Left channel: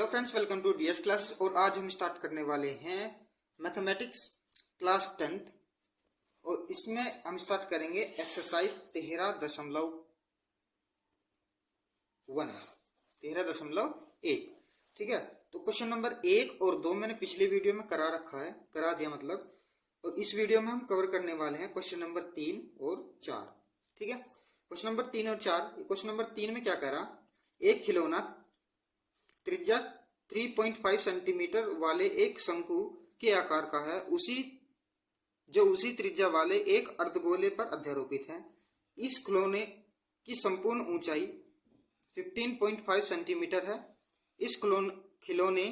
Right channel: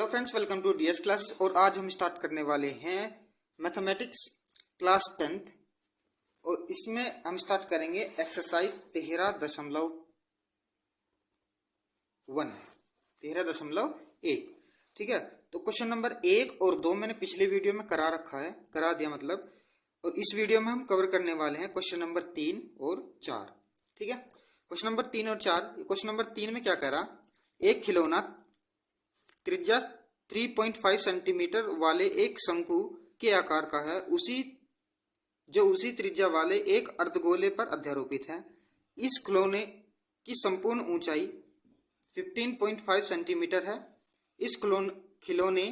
Hello friends, welcome to DS classes. और आज हम स्टार्ट करने वाले हैं मैथमेटिक्स क्लास 10th। और इसमें हम स्टार्ट करेंगे एक्सरसाइज 13.1। ठीक है, तो क्वेश्चन नंबर 1 और 2 मैंने पिछले वीडियो में करा दिया मतलब। और इस वीडियो में हम कवर करने वाले हैं क्वेश्चन नंबर 3 और 4। ठीक है, क्वेश्चन नंबर 3 और 4। क्वेश्चन नंबर 3 में क्या कह रहा, एक खिलौना त्रिज्या 3.5 सेंटीमीटर वाले एक शंकु के आकार का है, उसी त्रिज्या वाले एक अर्धगोले पर अध्यारोपित है। इस खिलौने की संपूर्ण ऊंचाई 15.5 सेंटीमीटर है। इस खिलौने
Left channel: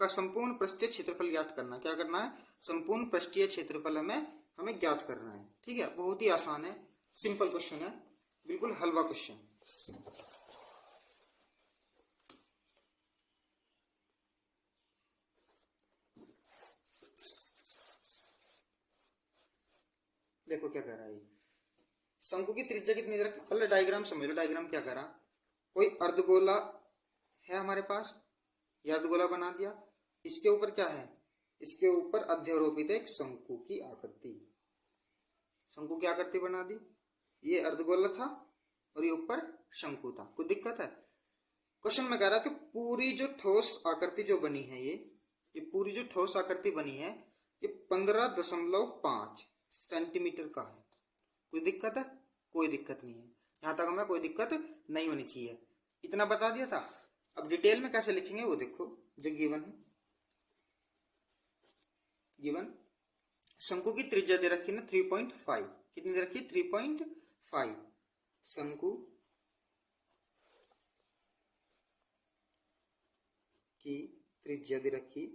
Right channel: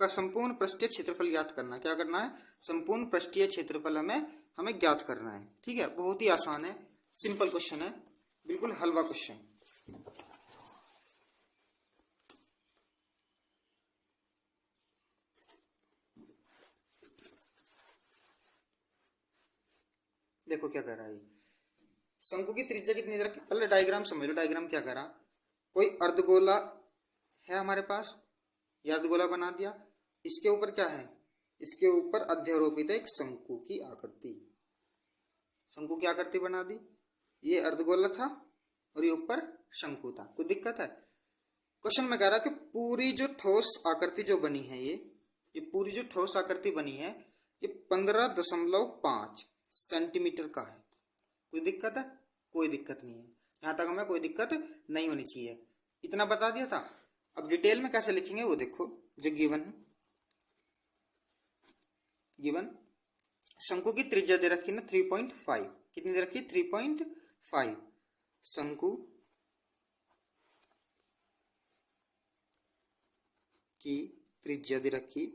का संपूर्ण पृष्ठीय क्षेत्रफल ज्ञात करना। क्या करना है? संपूर्ण पृष्ठीय क्षेत्रफल हमें ज्ञात करना है। ठीक है, बहुत ही आसान है, सिंपल क्वेश्चन है, बिल्कुल हलवा क्वेश्चन। देखो क्या कह रहा है, शंकु की त्रिज्या कितनी दे रखी। पहले डायग्राम समझ लो। डायग्राम क्या कह रहा, कोई अर्धगोला है हमारे पास, यह अर्धगोला बना दिया। इसके ऊपर क्या है, इसके ऊपर अध्यारोपित है एक शंकु की आकृति। शंकु की आकृति बना दी। ये अर्धगोला था और ये ऊपर शंकु था। कोई दिक्कत है? क्वेश्चन में कह रहा कि पूरी जो ठोस आकृति जो बनी है, ये पूरी जो ठोस आकृति बनी है, ये 15.5 सेंटीमीटर का है। कोई दिक्कत है? कोई दिक्कत नहीं है, यहां तक हमें कोई दिक्कत नहीं होनी चाहिए। इतना बता दिया था। अब डिटेल में कैसे लिखेंगे वो देखो, जो गिवन शंकु की त्रिज्या दे रखी ना 3.5। कितनी दे रखी? 3.5। शंकु की त्रिज्या दे रखी,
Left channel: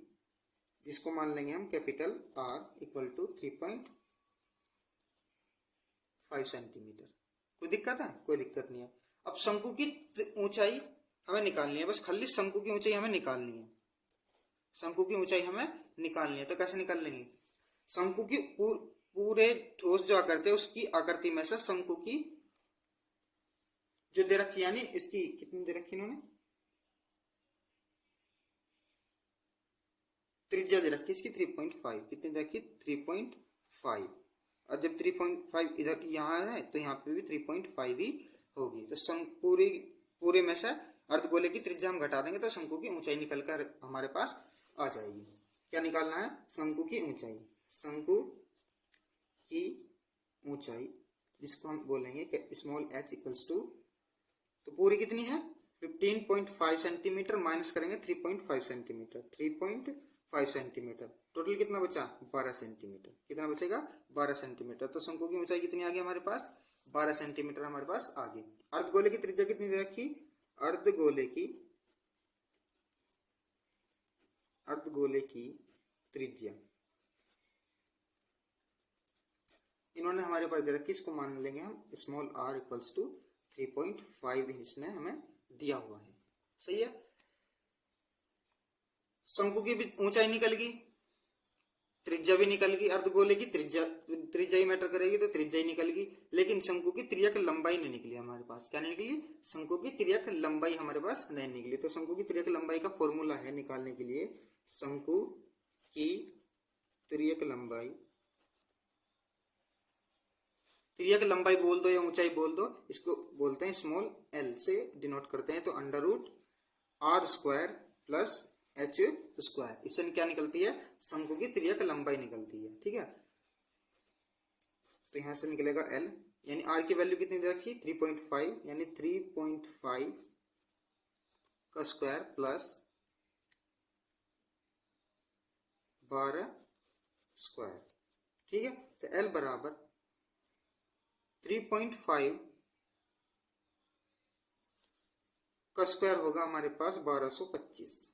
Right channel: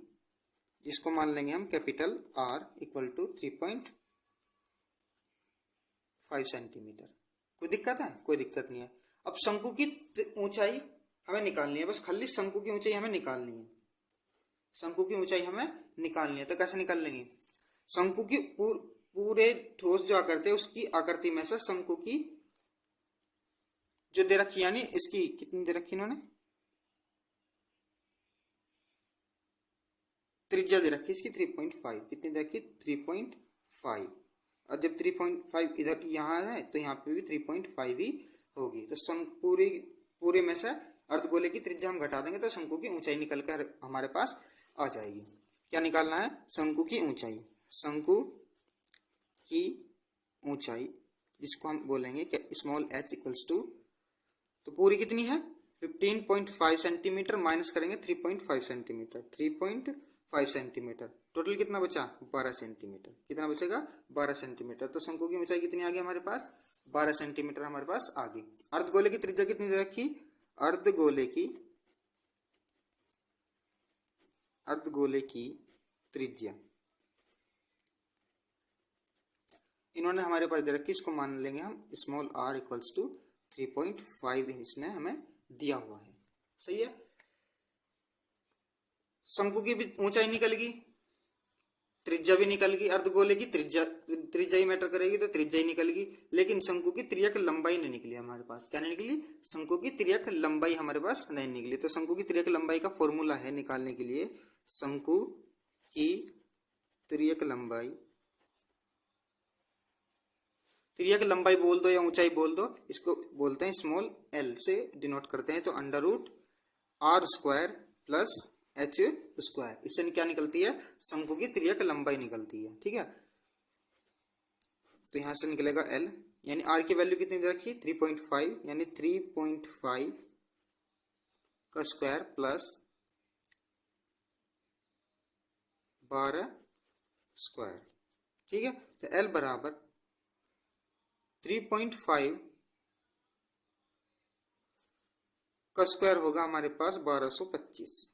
जिसको मान लेंगे हम capital R equal to 3.5 centimetre. कोई दिक्कत है? कोई दिक्कत नहीं है। अब शंकु की ऊंचाई हमें निकालनी है, बस खाली शंकु की ऊंचाई हमें निकालनी है। शंकु की ऊंचाई हमें निकालनी है, तो कैसे निकाल लेंगे? शंकु की पूरे ठोस जो आकृति है, उसकी आकृति में से शंकु की जो दे रखी, यानी इसकी कितनी दे रखी इन्होंने, त्रिज्या दे रखी इसकी 3.5। कितनी दे रखी? 3.5। और जब 3.5 इधर यहाँ है तो यहाँ पे भी 3.5 ही होगी। तो पूरे में से अर्धगोले की त्रिज्या हम घटा देंगे तो शंकु की ऊंचाई निकल कर हमारे पास आ जाएगी। क्या निकालना है? शंकु की ऊंचाई। शंकु की ऊंचाई, जिसको हम बोलेंगे कि स्मॉल h इक्वल्स टू, तो पूरी कितनी है 15.5 सेंटीमीटर, माइनस करेंगे 3.5 सेंटीमीटर। 3.5 सेंटीमीटर, टोटल कितना बचा? 12 सेंटीमीटर। कितना बचेगा? 12 सेंटीमीटर। तो शंकु की ऊंचाई कितनी आ गई हमारे पास? 12 सेंटीमीटर हमारे पास आ गई। अर्धगोले की त्रिज्या कितनी दे रखी? अर्धगोले की त्रिज्या इन्होंने हमारे पास दे रखी, इसको मान लेंगे हम स्मॉल r इक्वल्स टू 3.5 इसने हमें दिया हुआ है। सही है। शंकु की भी ऊंचाई निकल गई, त्रिज्या भी निकल गई। अर्धगोले की त्रिज्या ही मैटर करेगी, तो त्रिज्या ही निकल गई। लेकिन शंकु की त्रिज्या लंबाई नहीं निकली हमारे पास। क्या नहीं निकली? शंकु की त्रिज्या लंबाई हमारे पास नहीं निकली। तो शंकु की त्रिज्या लंबाई का फॉर्मूला है निकालने के लिए, शंकु की त्रिज्या लंबाई बोल दो या ऊंचाई बोल दो, इसको बोलते हैं स्मॉल एल से डिनोट करते हैं। तो under root R square plus H square, इससे क्या निकलती है? शंकु की त्रिज्या लंबाई निकलती है। ठीक है, तो यहां से निकलेगा एल, यानी आर की वैल्यू कितनी रखी? 3.5, यानी 3.5 का स्क्वायर प्लस 12 स्क्वायर। ठीक है, तो एल बराबर 3.5 का स्क्वायर होगा हमारे पास 1225।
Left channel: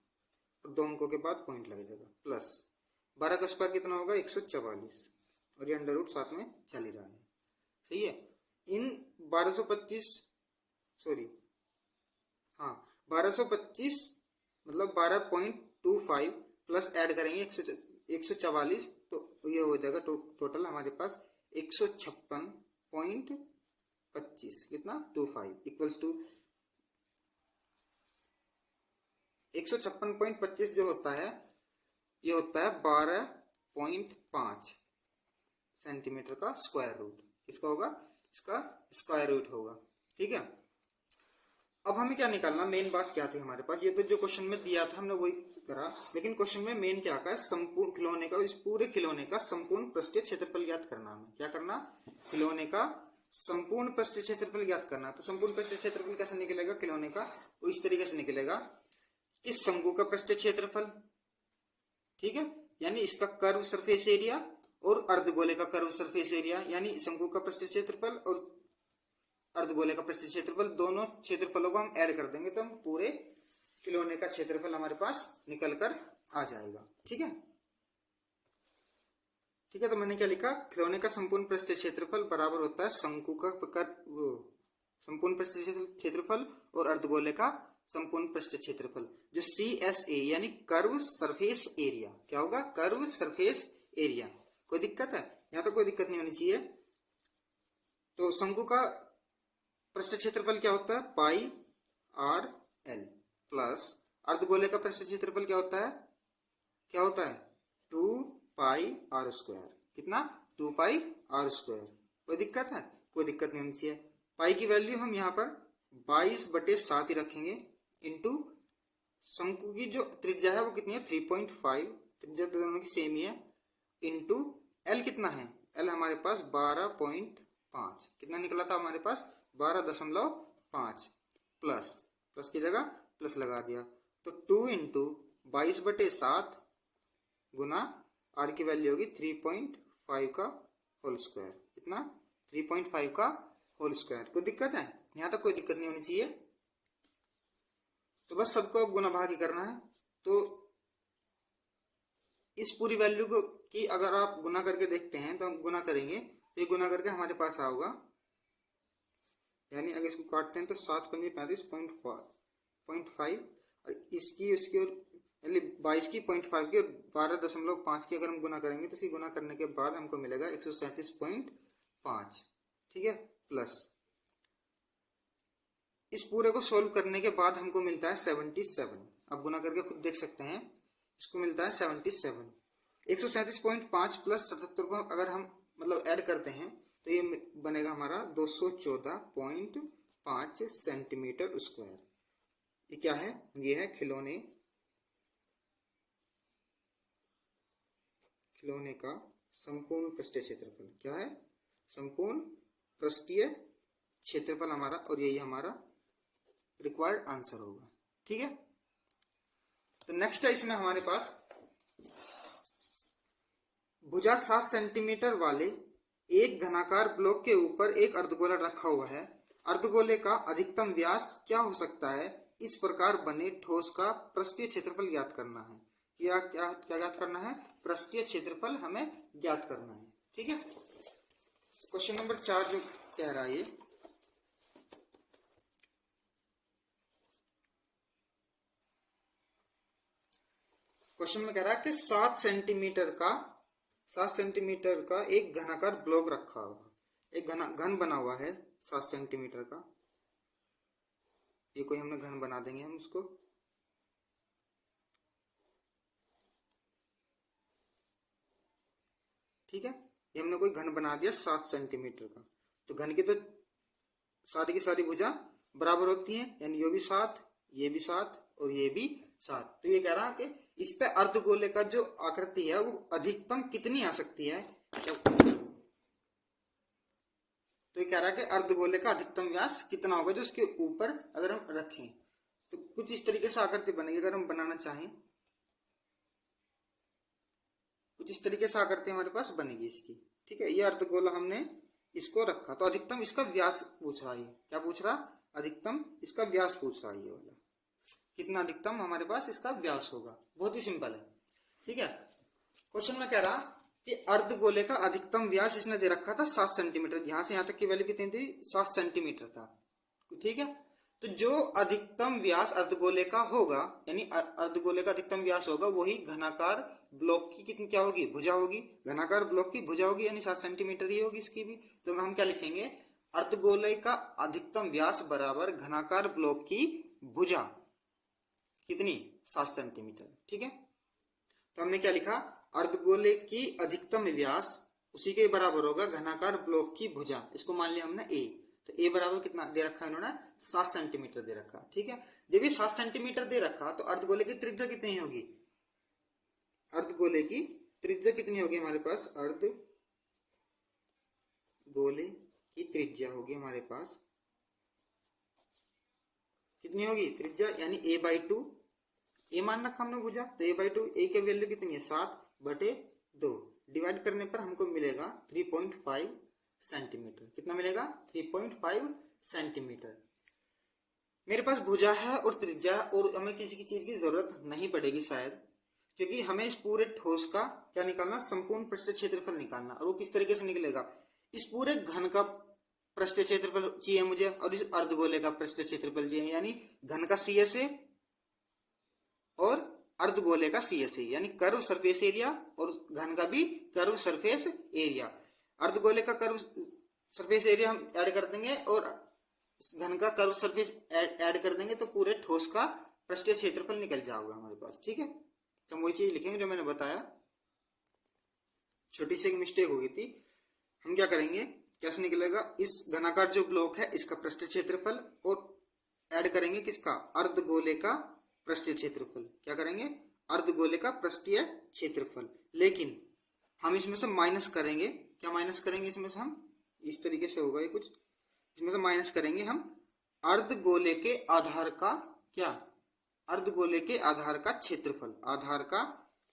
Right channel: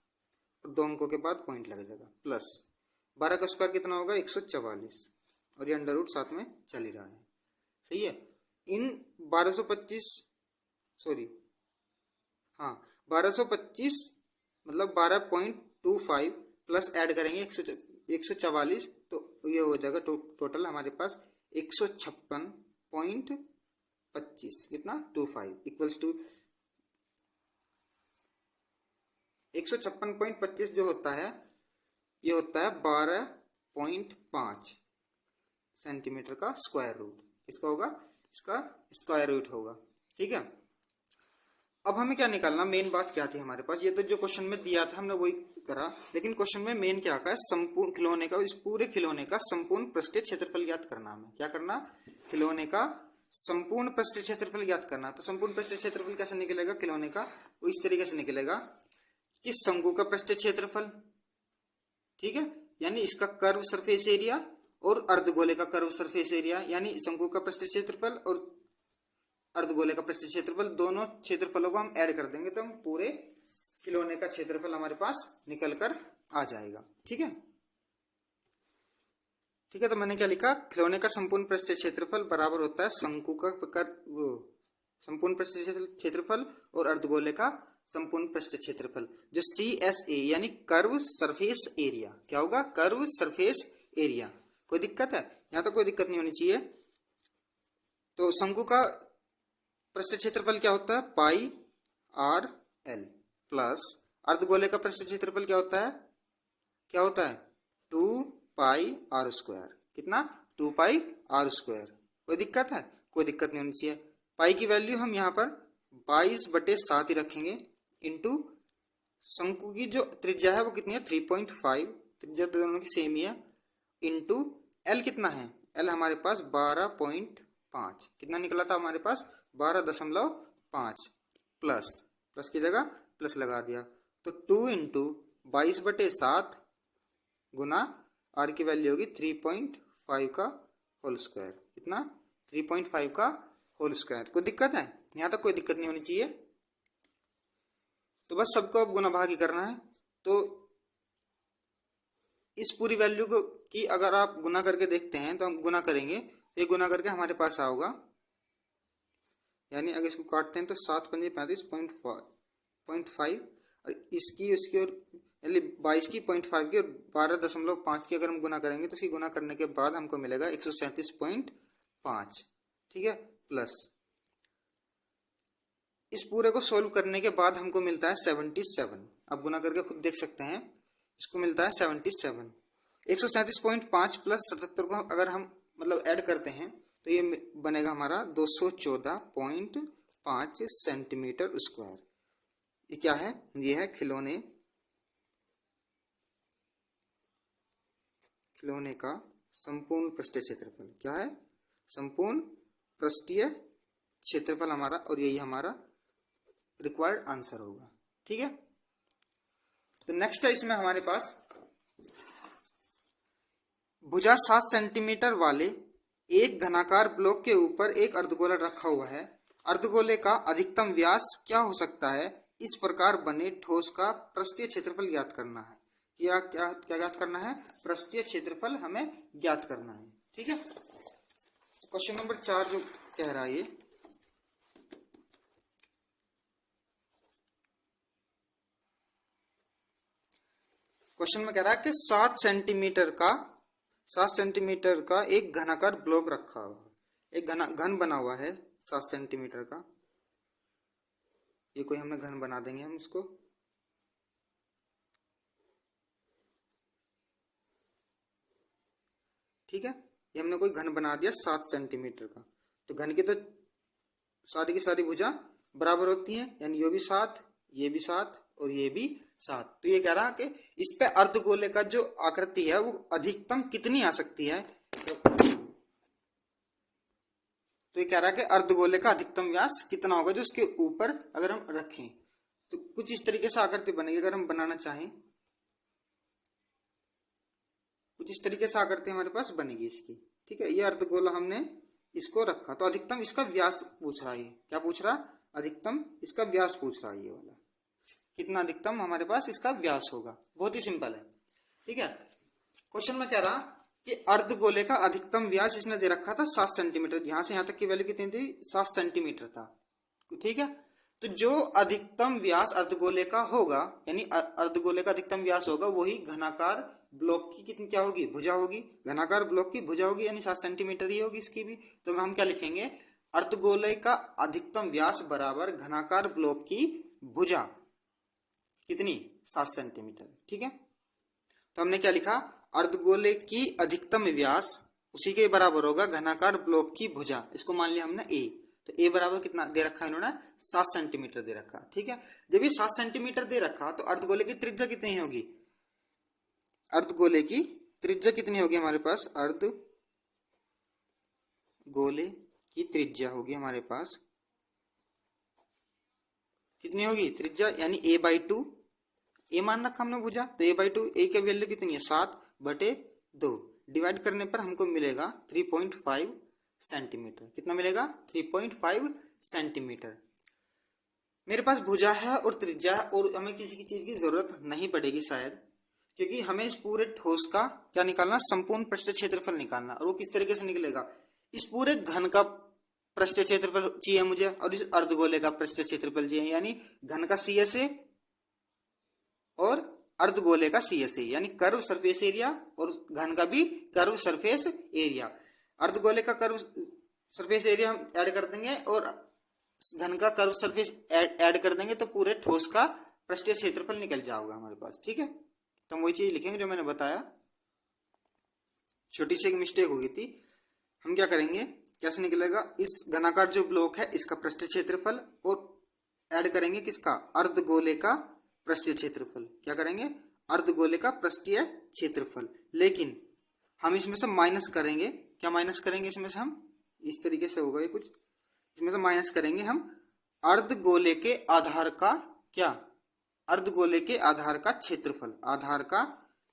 दो अंकों के बाद पॉइंट लग जाएगा, प्लस 12 का स्क्वायर कितना होगा? 144, और ये अंडर रूट साथ में चल ही रहा है। सही है। इन 1225 मतलब 12.25 प्लस ऐड करेंगे 144, तो ये हो जाएगा टोटल हमारे पास 156.25 कितना 25 इक्वल्स टू 156.25 जो होता है ये होता है 12.5 सेंटीमीटर का स्क्वायर रूट। इसका होगा, इसका स्क्वायर रूट होगा। ठीक है, अब हमें क्या निकालना, मेन बात क्या थी हमारे पास, ये तो जो क्वेश्चन में दिया था हमने वही करा, लेकिन क्वेश्चन में मेन क्या का, संपूर्ण खिलौने का, इस पूरे खिलौने का संपूर्ण पृष्ठीय क्षेत्रफल ज्ञात करना। हमें क्या करना, खिलौने का संपूर्ण पृष्ठीय क्षेत्रफल ज्ञात करना। तो संपूर्ण पृष्ठीय क्षेत्रफल कैसे निकलेगा खिलौने का, वो इस तरीके से निकलेगा कि शंकु का पृष्ठीय क्षेत्रफल, ठीक है, यानी इसका कर्व सरफेस एरिया, और अर्धगोले का कर्व सरफेस एरिया, यानी शंकु का पृष्ठीय क्षेत्रफल और अर्धगोले का पृष्ठीय क्षेत्रफल, दोनों क्षेत्रफलों को हम ऐड कर देंगे तो हम पूरे खिलौने का क्षेत्रफल हमारे पास निकल कर आ जाएगा। ठीक है, ठीक है, तो मैंने क्या लिखा, खिलौने का संपूर्ण पृष्ठीय क्षेत्रफल बराबर होता है शंकु का संपूर्ण पृष्ठीय क्षेत्रफल और अर्धगोले का संपूर्ण पृष्ठीय क्षेत्रफल, जो CSA यानी कर्व सरफेस एरिया। क्या होगा, कर्व सरफेस एरिया। कोई दिक्कत है, यहाँ तो कोई दिक्कत नहीं होनी चाहिए। तो शंकु का पृष्ठीय क्षेत्रफल क्या होता है, पाई आर एल, प्लस अर्धगोले का पृष्ठीय क्षेत्रफल क्या होता है, 2 पाई आर स्क्वायर। कितना, 2 पाई आर स्क्वायर। कोई दिक्कत है, कोई दिक्कत नहीं होनी चाहिए। पाई की वैल्यू हम यहाँ पर 22/7 ही रखेंगे, इंटू शंकु की जो त्रिज्या है वो कितनी है, 3.5, त्रिज्या दोनों की सेम ही है, इंटू एल कितना है, एल हमारे पास 12.5, कितना निकला था हमारे पास 12.5, प्लस की जगह प्लस लगा दिया, तो 2 इंटू 22/7 गुना आर की वैल्यू होगी 3.5 का होल स्क्वायर। कितना, 3.5 का होल स्क्वायर। कोई दिक्कत है, यहाँ तक कोई दिक्कत नहीं होनी चाहिए। तो बस सबको अब गुना भाग ही करना है। तो इस पूरी वैल्यू को की अगर आप गुना करके देखते हैं तो हम गुना करेंगे, ये गुना करके हमारे पास आओगा, यानी अगर इसको काटते हैं तो 7×5 और इसकी उसकी और यानी 22 की 0.5 की 12.5 की अगर हम गुना करेंगे तो इसकी गुना करने के बाद हमको मिलेगा 137.5। ठीक है, प्लस इस पूरे को सोल्व करने के बाद हमको मिलता है 77। अब गुना करके खुद देख सकते हैं, इसको मिलता है 77। 137.5 प्लस 77 को अगर हम मतलब ऐड करते हैं तो ये बनेगा हमारा 214.5 सेंटीमीटर स्क्वायर। ये क्या है, ये है खिलौने का संपूर्ण पृष्ठीय क्षेत्रफल। क्या है, संपूर्ण पृष्ठीय क्षेत्रफल हमारा, और यही हमारा रिक्वायर्ड आंसर होगा। ठीक है, तो नेक्स्ट है इसमें हमारे पास भुजा 7 सेंटीमीटर वाले एक घनाकार ब्लॉक के ऊपर एक अर्धगोला रखा हुआ है। अर्धगोले का अधिकतम व्यास क्या हो सकता है, इस प्रकार बने ठोस का पृष्ठीय क्षेत्रफल ज्ञात करना है। क्या क्या क्या ज्ञात करना है, पृष्ठीय क्षेत्रफल हमें ज्ञात करना है। ठीक है, क्वेश्चन नंबर 4 जो कह रहा है, ये क्वेश्चन में कह रहा है कि 7 सेंटीमीटर का एक घनाकार ब्लॉक रखा हुआ, एक घन बना हुआ है 7 सेंटीमीटर का। ये कोई हमने घन बना देंगे हम इसको, ठीक है, ये हमने कोई घन बना दिया 7 सेंटीमीटर का। तो घन की तो सारी की सारी भुजा बराबर होती हैं, यानी ये भी 7, ये भी 7 और ये भी 7। तो ये कह रहा है कि इस पे अर्धगोले का जो आकृति है वो अधिकतम कितनी आ सकती है। तो ये कह रहा है कि अर्धगोले का अधिकतम व्यास कितना होगा जो उसके ऊपर अगर हम रखें, तो कुछ इस तरीके से आकृति बनेगी। अगर हम बनाना चाहें कुछ इस तरीके से आकृति हमारे पास बनेगी इसकी। ठीक है, ये अर्धगोला हमने इसको रखा, तो अधिकतम इसका व्यास पूछ रहा है। क्या पूछ रहा, अधिकतम इसका व्यास पूछ रहा है। ये वाला कितना अधिकतम हमारे पास इसका व्यास होगा, बहुत ही सिंपल है। ठीक है, क्वेश्चन में कह रहा कि अर्धगोले का अधिकतम व्यास इसने दे रखा था 7 सेंटीमीटर, यहां से यहां तक की वैल्यू कितनी थी, 7 सेंटीमीटर था। ठीक है, तो जो अधिकतम व्यास अर्धगोले का होगा, यानी अर्धगोले का अधिकतम व्यास होगा, वही घनाकार ब्लॉक की कितनी क्या होगी, भुजा होगी। घनाकार ब्लॉक की भुजा होगी, यानी 7 सेंटीमीटर ही होगी इसकी भी। तो हम क्या लिखेंगे, अर्धगोले का अधिकतम व्यास बराबर घनाकार ब्लॉक की भुजा। कितनी 7 सेंटीमीटर। ठीक है, तो हमने क्या लिखा, अर्धगोले की अधिकतम व्यास उसी के बराबर होगा घनाकार ब्लॉक की भुजा। इसको मान लिया हमने ए, तो ए बराबर कितना दे रखा है इन्होंने, 7 सेंटीमीटर दे रखा। ठीक है, जब ये 7 सेंटीमीटर दे रखा तो अर्धगोले की त्रिज्या कितनी होगी, अर्धगोले की त्रिज्या कितनी होगी हमारे पास, अर्धगोले की त्रिज्या होगी हमारे पास कितनी होगी त्रिज्या, यानी a/2, ए मान रखा हमने भुजा, तो a/2, ए की वैल्यू कितनी है 7/2, डिवाइड करने पर हमको मिलेगा 3.5 सेंटीमीटर। कितना मिलेगा, 3.5 सेंटीमीटर। मेरे पास भुजा है और त्रिज्या, और हमें किसी की चीज की जरूरत नहीं पड़ेगी शायद, क्योंकि हमें इस पूरे ठोस का क्या निकालना, संपूर्ण पृष्ठ क्षेत्रफल निकालना। और वो किस तरीके से निकलेगा, इस पूरे घन का पृष्ठ क्षेत्रफल चाहिए मुझे और इस अर्धगोले का पृष्ठ क्षेत्रफल चाहिए, यानी घन का CSA और अर्धगोले का CSA, यानी कर्व सरफेस एरिया, और घन का भी कर्व सरफेस एरिया। अर्धगोले का कर्व सरफेस एरिया हम ऐड कर देंगे और घन का कर्व सरफेस ऐड कर देंगे, तो पूरे ठोस का पृष्ठीय क्षेत्रफल निकल जाएगा हमारे पास। ठीक है, तो हम वही चीज लिखेंगे जो मैंने बताया, छोटी सी एक मिस्टेक हो गई थी। हम क्या करेंगे, कैसे निकलेगा, इस घनाकार जो ब्लॉक है इसका पृष्ठीय क्षेत्रफल और ऐड करेंगे किसका, अर्धगोले का पृष्ठीय क्षेत्रफल। क्या करेंगे, अर्धगोले का पृष्ठीय क्षेत्रफल, लेकिन हम इसमें से माइनस करेंगे। क्या माइनस करेंगे इसमें से, हम इस तरीके से होगा ये कुछ, इसमें से माइनस करेंगे हम अर्धगोले के आधार का, क्या, अर्धगोले के आधार का क्षेत्रफल, आधार का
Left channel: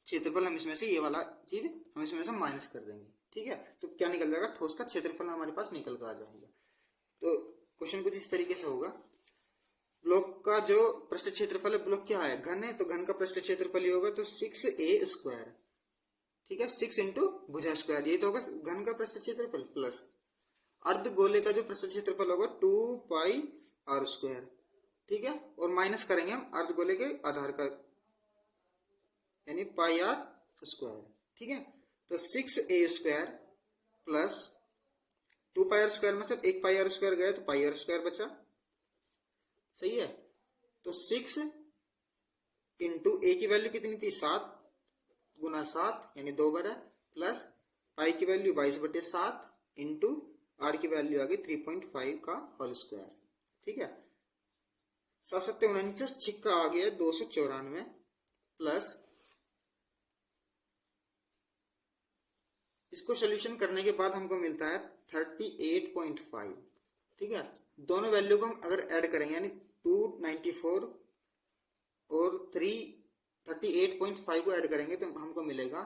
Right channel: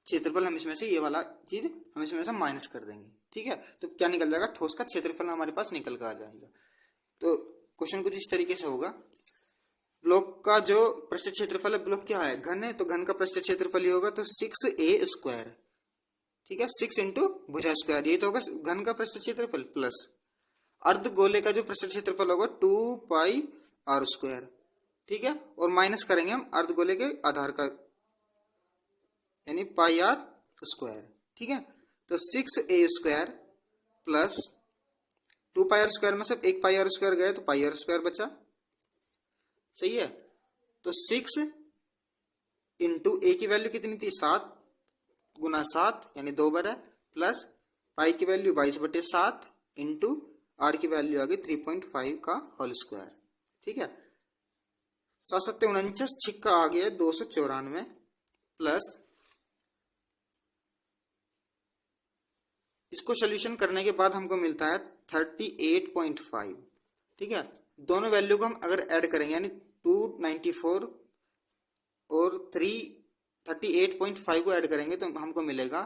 क्षेत्रफल हम इसमें से, ये वाला चीज हम इसमें से माइनस कर देंगे। ठीक है, तो क्या निकल जाएगा, ठोस का क्षेत्रफल हमारे पास निकल कर आ जाएगा। तो क्वेश्चन कुछ इस तरीके से होगा, ब्लॉक का जो पृष्ठ क्षेत्रफल है, ब्लॉक क्या है, घन है, तो घन का पृष्ठ क्षेत्रफल ही होगा तो 6a²। ठीक है, 6 इंटू भुजा स्क्वायर, ये तो होगा घन का पृष्ठ क्षेत्रफल, प्लस अर्धगोले का जो पृष्ठ क्षेत्रफल होगा 2πr²। ठीक है, और माइनस करेंगे हम अर्धगोले के आधार का, यानी πr²। ठीक है, तो 6a² प्लस 2πr² में सिर्फ एक πr² गया तो πr² बचा। सही है, तो 6 इंटू ए की वैल्यू कितनी थी, 7 गुना 7 यानी 2 बार है, प्लस पाई की वैल्यू 22/7 इंटू आर की वैल्यू आ गई 3.5 का होल स्क्वायर। ठीक है, 7 7 49, छिक्का आ गया 294, प्लस इसको सोल्यूशन करने के बाद हमको मिलता है 38.5। ठीक है, दोनों वैल्यू को हम अगर ऐड करेंगे, यानी 294 और 38.5 को ऐड करेंगे तो हमको मिलेगा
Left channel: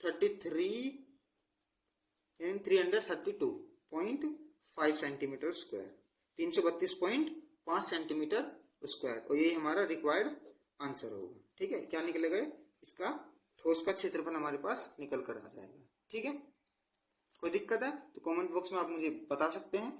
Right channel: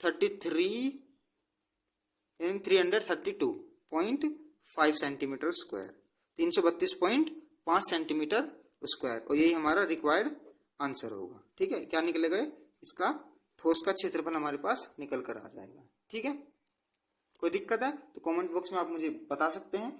332.5 सेंटीमीटर स्क्वायर, 332.5 सेंटीमीटर स्क्वायर, और यही हमारा रिक्वायर्ड आंसर होगा। ठीक है, क्या निकलेगा, इसका ठोस का क्षेत्रफल हमारे पास निकल कर आ जाएगा। ठीक है, कोई दिक्कत है तो कमेंट बॉक्स में आप मुझे बता सकते हैं।